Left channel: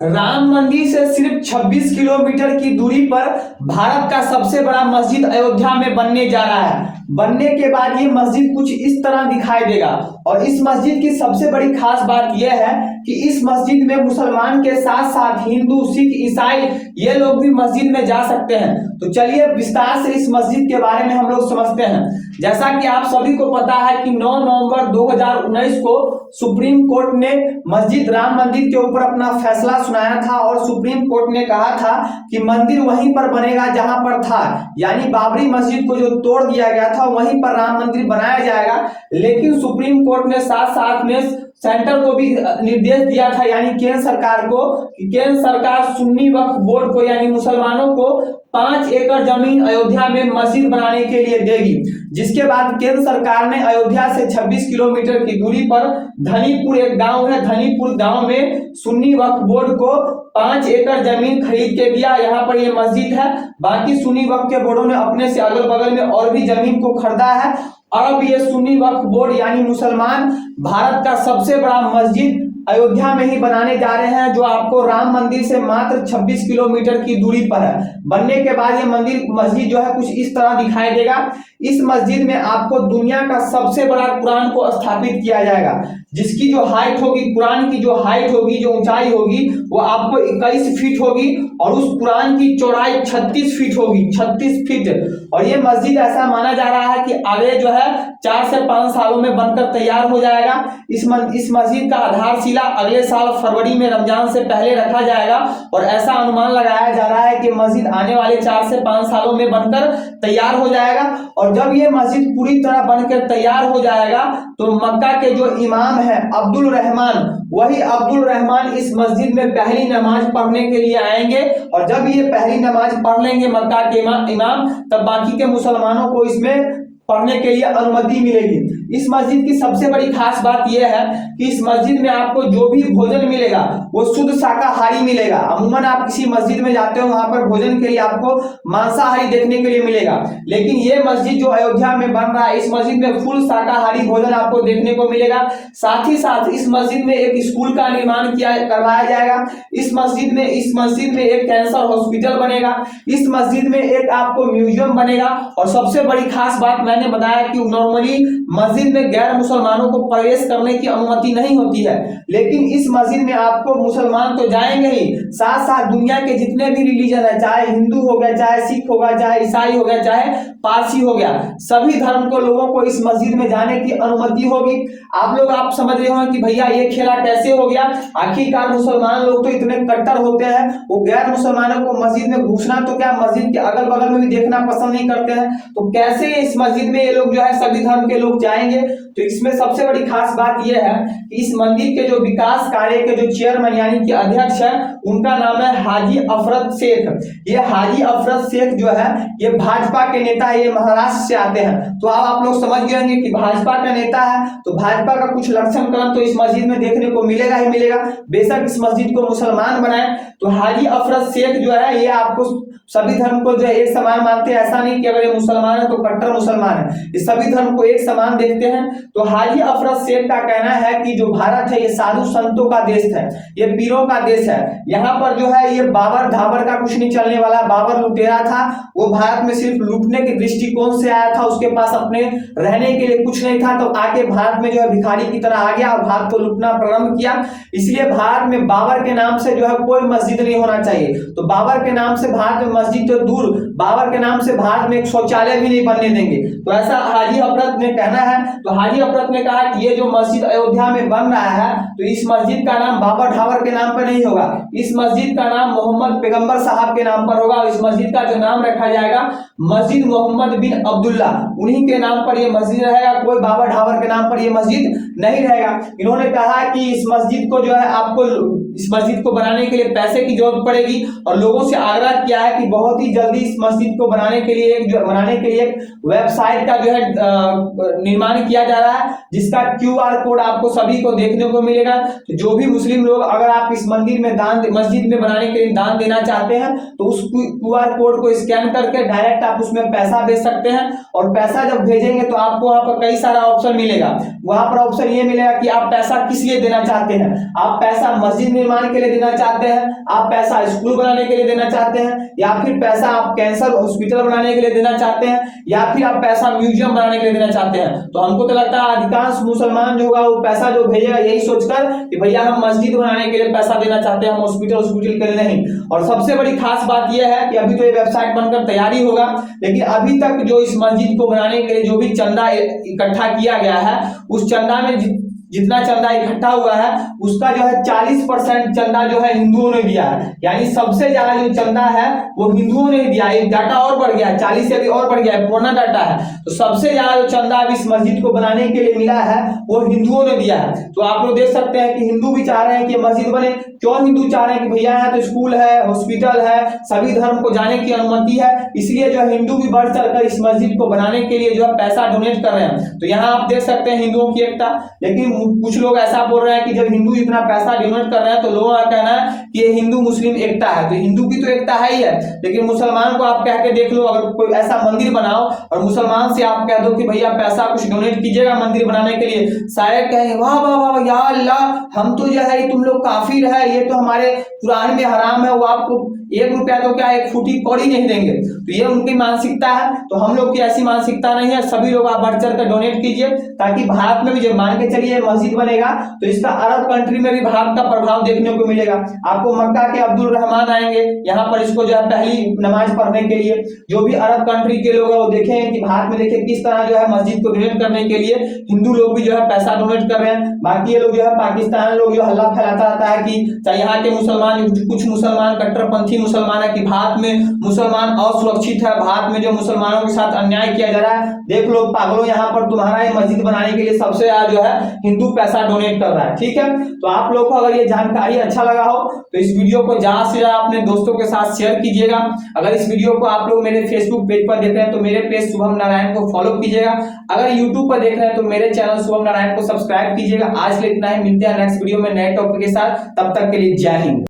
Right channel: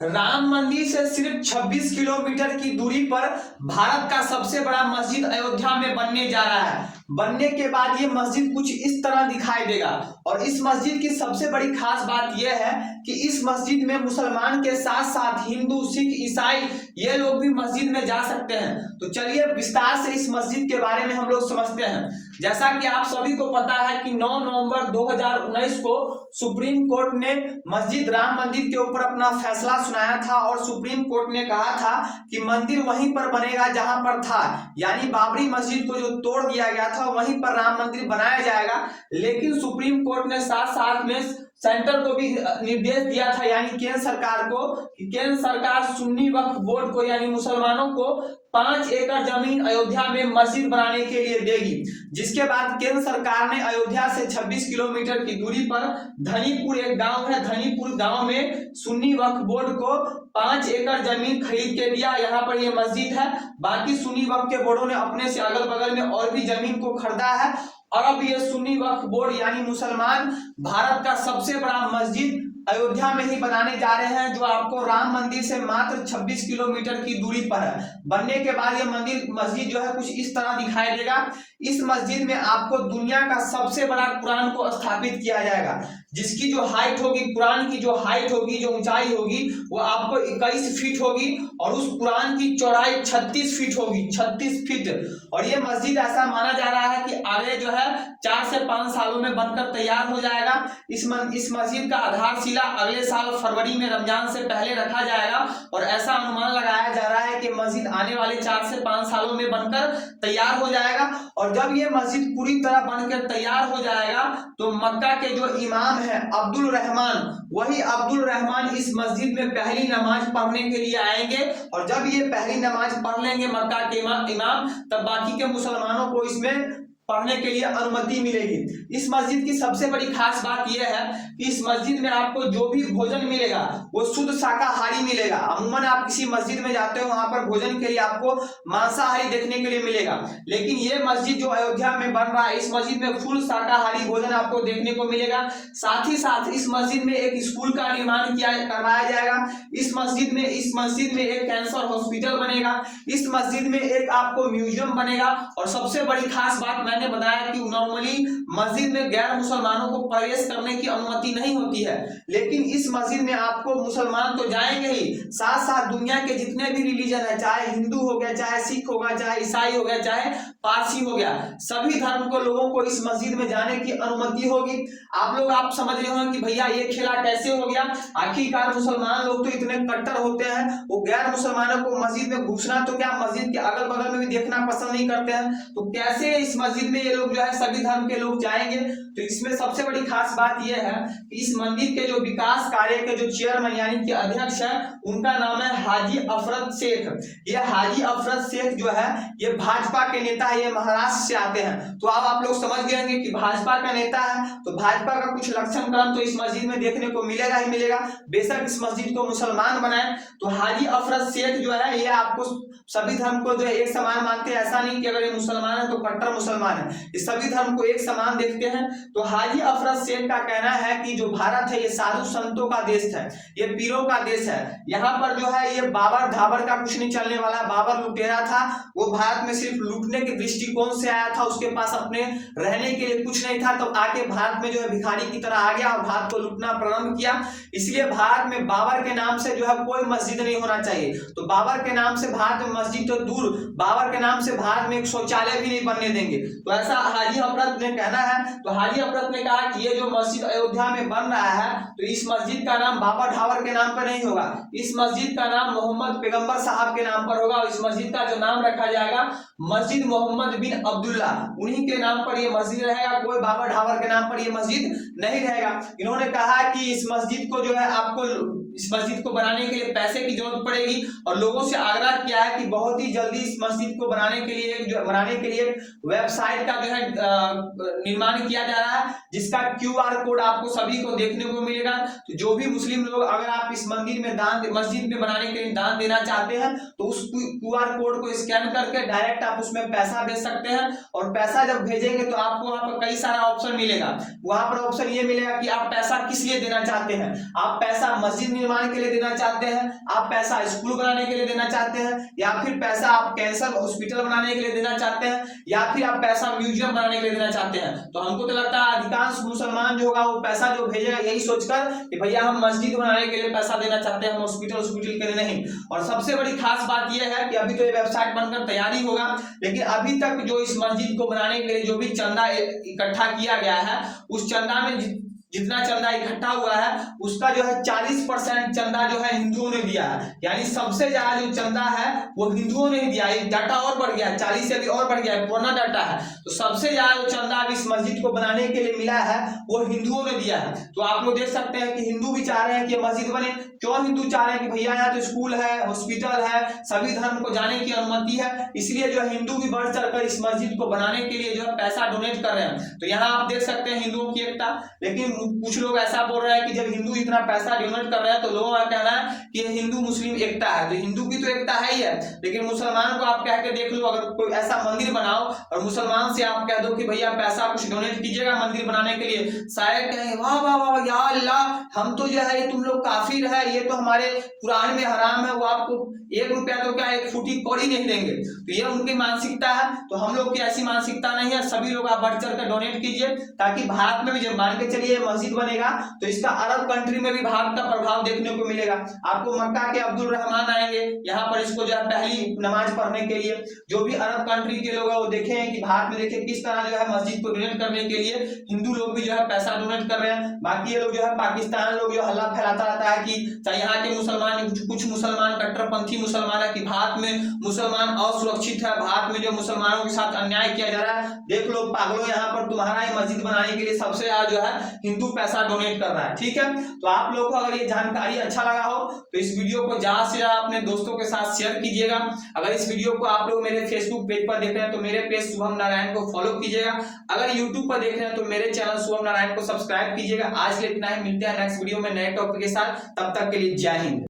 राम मंदिर से सिर्फ 26 किलोमीटर की दूरी पर भारत का सबसे बड़ा मस्जिद अयोध्या में बनने जा रहा है। बनने के बाद ये मस्जिद कुछ इस तरह दिखाई देगा। और इस मस्जिद की सबसे बड़ी खास बात यह है कि इस मस्जिद में मुसलमान के साथ साथ हिंदू, सिख, ईसाई ये लोग भी मस्जिद में जा सकते हैं। तो चलिए विस्तार से इस मस्जिद के बारे में हम लोग समझते हैं। जैसा कि आप सभी को पता है कि 9 नवंबर 2019 को सुप्रीम कोर्ट ने मस्जिद राम मंदिर के ऊपर अपना फैसला सुनाया था और सुप्रीम कोर्ट ने कहा था कि मंदिर वहीं पर बनेगा जहां पर था, यानी बाबरी मस्जिद को जो तोड़ दिया गया था वहीं पर राम मंदिर बनाया जाएगा। लेकिन सुप्रीम कोर्ट ने साथ साथ में सेंटर को भी निर्देश दिया था, यानी केंद्र सरकार को, कि केंद्र सरकार सुन्नी वक्फ बोर्ड को यानी मुसलमानों को 5 एकड़ जमीन अयोध्या में मस्जिद बनाने के लिए देगी। जिसके बाद केंद्र सरकार ने अयोध्या से 26 किलोमीटर की दूरी पर धनीपुर एक गांव है, धनीपुर गांव में सुन्नी वक्फ बोर्ड को 5 एकड़ जमीन खरीद के दिया। यहाँ पर ये मस्जिद है। बाकी सुन्नी वक्फ के बोर्डों ने अपने से अगल बगल में और भी जमीन को खरीदा है। और अब ये सुन्नी वक्फ बोर्ड यानी मुसलमान भारत का सबसे बड़ा मस्जिद अयोध्या में ही बनाने जा रहे हैं, जो आपको राम मंदिर से मात्र 26 किलोमीटर की दूरी पर है। बनने के बाद ये मस्जिद जो है कुछ इस तरह दिखाई देगा। इस मस्जिद में आपको दुनिया का सबसे बड़ा कुरान को स्थापित किया जाएगा, जिसकी जो हाइट होगी, कुरान की जो हाइट होगी, जो ऊंचाई होगी, वो आपको 21 फीट होगी और उस कुरान की चौड़ाई 36 फीट होगी, 36 फीट। और ये मस्जिद ऐसा माना जा रहा है कि आगे जो है 4 से 5 सालों में बनकर तैयार हो जाएगा। इस मस्जिद का आधारशिला अगले साल फरवरी में रमजान से पहले रखा जाएगा और ऐसा अनुमान लगाया जा रहा है कि मस्जिद आने वाले 4 से 5 सालों में बनकर तैयार हो जाएगा। और जब ये मस्जिद पूरी तरह बनकर तैयार हो जाएगा तो मक्का के जो इमाम है अब्दुल रहमान, वही अब्दुल रहमान इस मस्जिद में पहली नमाज पढ़ने के लिए आएंगे। और जब ये पहली नमाज पढ़ लेंगे मक्का के इमाम, तब बाकी के मुसलमानों को इसमें पढ़ने के लिए अनुमति मिलेगी। इस मस्जिद की सबसे बड़ी खास बात यह है कि इस मस्जिद में आपको जो भी भोजन मिलेगा वो शुद्ध शाकाहारी मिलेगा। अमूमन आप किसी मस्जिद में जाते हो, वहां पर भोजन के लिए आपको मांसाहारी देखने के लिए मिलेगा, लेकिन ये मस्जिद जो अयोध्या में बन रहा है, इस मस्जिद में फुल शाकाहारी भोजन आपको देखने को मिलेगा। साथ ही साथ इस मस्जिद में एक स्कूल का निर्माण करवाया जाएगा। इस मस्जिद में एक कैंसर हॉस्पिटल बनेगा। इस मस्जिद में एक आपको म्यूजियम बनेगा। और सबसे बड़ी खास बात मैंने बताया कि नॉर्मली मस्जिद में गैर मुसलमानों को प्रवेश करने की अनुमति नहीं होती है, लेकिन इस मस्जिद में आपको मुसलमान तो जाएंगे ही, साथ साथ दुनिया के जितने भी रिलीजन है, चाहे हिंदू हो गया, चाहे सिख होगा, चाहे ईसाई हो गया, चाहे पारसी हो गया, सभी धर्म को लोगों को इस मस्जिद में जाने की अनुमति होगी। आप समझ रहे हो कि भैया ये खेला कैसे हो गया। आखिरकार मुसलमान लोग तो इतने कट्टर होते हैं, वो गैर मुसलमानों को मस्जिद में घुसना तो क्या, मस्जिद के अगल बगल में भी देखना पसंद नहीं करते हैं। तो कैसे इस मस्जिद में ये लोग जो है सभी धर्म के लोग जाएंगे। तो इसमें सबसे बड़ी खास बात यह है कि इस मंदिर के जो विकास कार्य के जो चेयरमैन यानी कि अध्यक्ष है, उनका नाम है हाजी अफरत शेख। ये हाजी अफरत शेख जो है ये भाजपा के नेता है, ये महाराष्ट्र से आते हैं। तो आप लोग समझ गए होंगे कि भाजपा का नेता है तो भाजपा का कुछ लक्षण क्रम तो इस मस्जिद में देखने को मिलेगा ही मिलेगा। बेशक इस मस्जिद को मुसलमान बनाए तो हाजी अफरत शेख जो है ये आपको सभी धर्म को जो एक समान मानते हैं। ऐसा नहीं कि अगर ये मुसलमान है तो कट्टर मुसलमान है, ये सभी धर्म को एक समान देखते हैं। तो हाजी अफरत शेख का कहना है कि जो भारत है ये साधु संतों का देश है, ये पीरों का देश है। यहाँ पर जो है ये बाबर धाबर का कुछ नहीं चलने वाला। बाबर लुटेरा था, वो भारत में सिर्फ लूटने के दृष्टिकोण से आया था, उसके पास अपने रहने के लिए कुछ नहीं था, तो आके भारत में जो है भिखारी की तरह आ गया और भारत को लूटना प्रारंभ किया। इसलिए भारत में बाबर के नाम से जो है कोई मस्जिद नहीं होना चाहिए। तो बाबर के नाम से भारत में मस्जिद तो दूर, बाबर के नाम से भारत में एक शौचालय भी नहीं बनने देंगे। तो ऐसा हाजी अफरत ने कहना है। तो हाजी अफरत ने कहा कि ये जो मस्जिद अयोध्या में बन रहा है तो इस मस्जिद का नाम बाबर ढाबर के नाम पर नहीं होगा, इस मस्जिद का नाम मोहम्मद पैगंबर साहब के नाम पर होगा। इस मस्जिद का जो नाम रखा जाएगा मस्जिद मोहम्मद बिन अब्दुल्ला, उन्हीं के नाम पर यह मस्जिद रहेगा, कोई बाबर ढाबर के नाम पर यह मस्जिद नहीं रहेगा। इन्होंने कहा कि इस मस्जिद को जो है आपको इस मस्जिद को बनाने के लिए पैसे की जरूरत पड़ेगी और लोगों से आग्रह किया है कि बहुत ही जल्दी इस मस्जिद को बनाने के लिए एक वेबसाइट का जो है निर्माण किया जा रहा है, जिसका QR कोड आपको सभी को देखने को मिलेगा। तो जो भी मुस्लिम लोग अगर आप इस मस्जिद में बनाने के लिए दान देना चाहते हैं तो उस QR कोड को स्कैन करके डायरेक्ट आप उसमें पैसा भेज सकते हैं। और पैसा जब भेजेंगे तो आपको वहां पर कई सारा ऑप्शन मिलेगा। वहां पर ऑप्शन ये मिलेगा कि आप पैसा किस लिए देना चाहते हैं। आप पैसा मस्जिद निर्माण के लिए देना चाहते हैं, आप पैसा स्कूल बनाने के लिए देना चाहते हैं, या फिर पैसा आप कैंसर हॉस्पिटल बनाने के लिए देना चाहते हैं, या फिर आप पैसा म्यूजियम बनाने के लिए देना चाहते हैं, तो हमको तो लगता है अधिकांश मुसलमान जो होगा वो पैसा जो भेजेगा यही सोचकर कि भैया हम मस्जिद बनाने के लिए पैसा देना चाहते हैं, हम हॉस्पिटल के लिए नहीं। और सबसे बड़ी खास बात यह है कि अभी तो ये वेबसाइट बनकर तैयारी होगा, लेकिन अभी तक जो इस मस्जिद को बनाने के लिए जो भी चंदा इकट्ठा किया गया है, उस चंदा में जितना चंदा इकट्ठा हुआ है उसका जो है 40% चंदा जो है हिंदुओं ने दिया है। यानी सबसे ज्यादा जो चंदा है वो हिंदुओं ने दिया है। डाटा और बढ़ गया है, 40 से अभी और बढ़ गया है, पुराना डाटा है। तो सबसे ज्यादा जो चंदा अब इस मस्जिद को बनाने के लिए मिला है वो हिंदुओं ने दिया है। तो आप लोग देख सकते हैं कि हिंदू भी चाह रहे हैं कि मस्जिद बने। क्यों हिंदू चाह रहे हैं कि भैया यहाँ तो स्कूल है, हॉस्पिटल है, सभी धर्म को जाने की अनुमति है, इसलिए जो है हिंदू भी बढ़ चढ़कर इस मस्जिद को बनाने के लिए जो है पैसा डोनेट कर रहे हैं। तो यहाँ आप देख सकते हैं हिंदुओं की एकता। लेकिन कुछ लोग ऐसा बोल रहे हैं कि जब हिंदू इतना पैसा डोनेट कर रहे हैं तो लोगों का कहना है कि ये हिंदू मुस्लिम एकता है। तो हिंदू की तो एकता है ही है, लेकिन मुसलमान को आप कह के देख लो, अगर कोई ऐसा मंदिर बनाओ और मुसलमान से आप कह दो कि भैया पैसा कुछ डोनेट कीजिएगा मंदिर बनाने के लिए, शायद कहेंगे वाह वाह वाह या अल्लाह, हम तो जो है तुम लोग काफिर है, ये तो हमारे कुरान में हराम है, वो आपको 1 रुपया तो क्या 1 फूटी कौड़ी नहीं देंगे। तो ये उनकी मानसिकता है। तो हम लोग की ऐसी मानसिकता नहीं है। सभी लोग आप बढ़ चढ़ कर डोनेट कीजिए, ताकि भारत में भी जब मान के चलिए मस्जिद बनेगा तो इसका अरब कंट्री में भी भारत का प्रभाव देखने को मिलेगा। आपको मक्का के अब्दुल रहमान आएंगे यहाँ पर इसको जो है पहली नमाज पढ़ने के लिए। जो भी अरब कंट्री के लोग हैं वो देखें कि भारत में देखिए किस तरह जो है मस्जिद को डोनेट करने के लिए हिंदू लोग भी जो है पैसा डोनेट कर रहे हैं। बाकी ये लोग जो है पाकिस्तान लोग जो हल्ला फैलाता रहता है कि यहाँ के मुसलमान, कुछ मुसलमान कट्टरपंथी मुसलमान है कि भारत में मुसलमान असुरक्षित है, भारत में जो मुसलमानों के साथ अन्याय किया जा रहा है। देख लो पागलों, यहाँ पर तुम्हारा ये मस्जिद बनाने के लिए सबसे ज्यादा जो है हिंदू पैसा डोनेट कर रहा है। ठीक है, तो आप लोग को अगर ये जानकारी अच्छा लगा हो तो इस वीडियो को ज्यादा से ज्यादा अपने दोस्तों के साथ शेयर कीजिएगा। अगर इस वीडियो को आप लोग मेरे फेसबुक पेज पर देख रहे हैं तो मेरे पेज शुभम नारायण को फॉलो कीजिएगा। अगर यूट्यूब पर देख रहे हैं तो मेरे चैनल शुभम नारायण को सब्सक्राइब कीजिएगा। आज के लिए इतना ही, मिलते हैं नेक्स्ट वीडियो में नए टॉपिक के साथ। तब तक के लिए जय हिंद।